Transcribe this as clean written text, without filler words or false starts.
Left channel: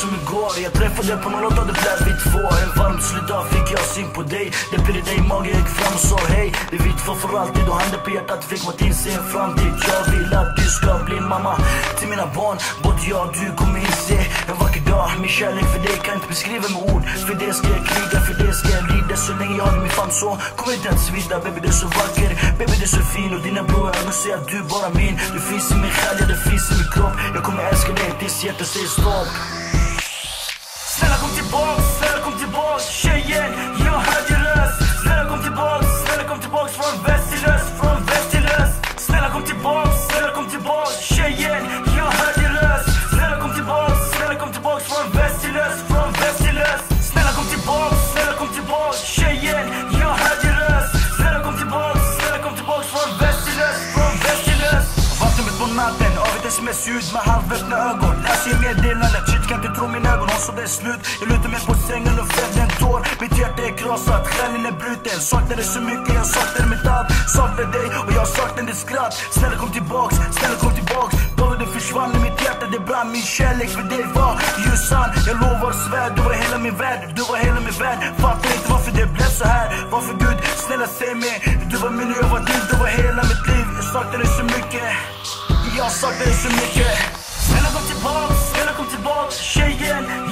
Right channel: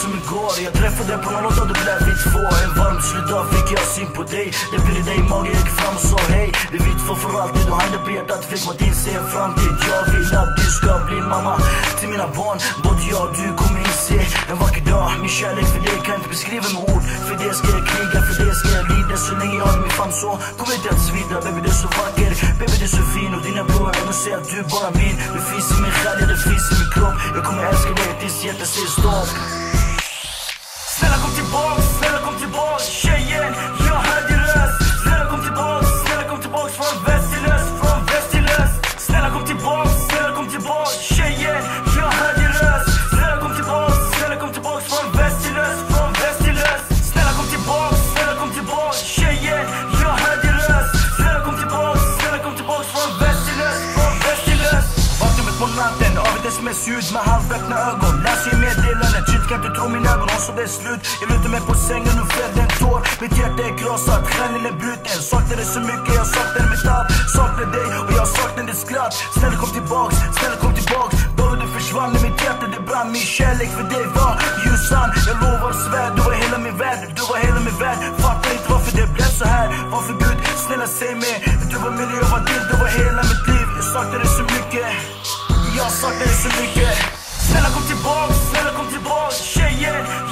som igår. Jag träffade på någon låt av det blev vi två. En varm solidag fick jag syn på dig. Det blev dig mage, gick fram och sa hej. Vi vet för alltid och handen på hjärtat fick mot din se en framtid. Jag vill att du ska bli mamma till mina barn. Både jag och du kommer inse en vacker dag. Min kärlek för dig kan inte beskriva med ord. För det ska jag kriga, för det ska jag lida. Så länge jag har min famn så kommer inte att svida. Baby det är så vacker, baby det är så fin. Och dina blå ögon säger att du bara vill. Du finns i min själ, det finns i min kropp. Jag kommer älska dig tills hjärtat säger stopp. Snälla kom tillbaks, tjejen, jag hade röst. Snälla kom tillbaks från västerlös, Snälla kom tillbaks, tjejen, jag hade röst. Snälla kom tillbaks från västerlös, Snälla kom tillbaks, tjejen, jag hade röst. Snälla kom tillbaks från västerlös, Vaknar mitt på natten av ett sms-ljud med halvöppna ögon. Läser meddelandet, shit kan inte tro mina ögon. Hon så det är slut, jag lutar mig på sängen och fäller en tår. Mitt hjärta är krossat, stjärnan är bruten. Saknar dig så mycket, jag saknar mitt allt. Saknar dig och jag saknar ditt skratt. Snälla kom tillbaks. Då du försvann i mitt hjärta, det brann. Min kärlek för dig var ju sann. Jag lovar och svär, du var hela min värld. Fattar inte varför det blev så här. Varför Gud, snälla säg mig. Du var min och jag var din, du var hela mitt liv. Jag saknar dig så mycket. Snälla kom tillbaks, tjejen.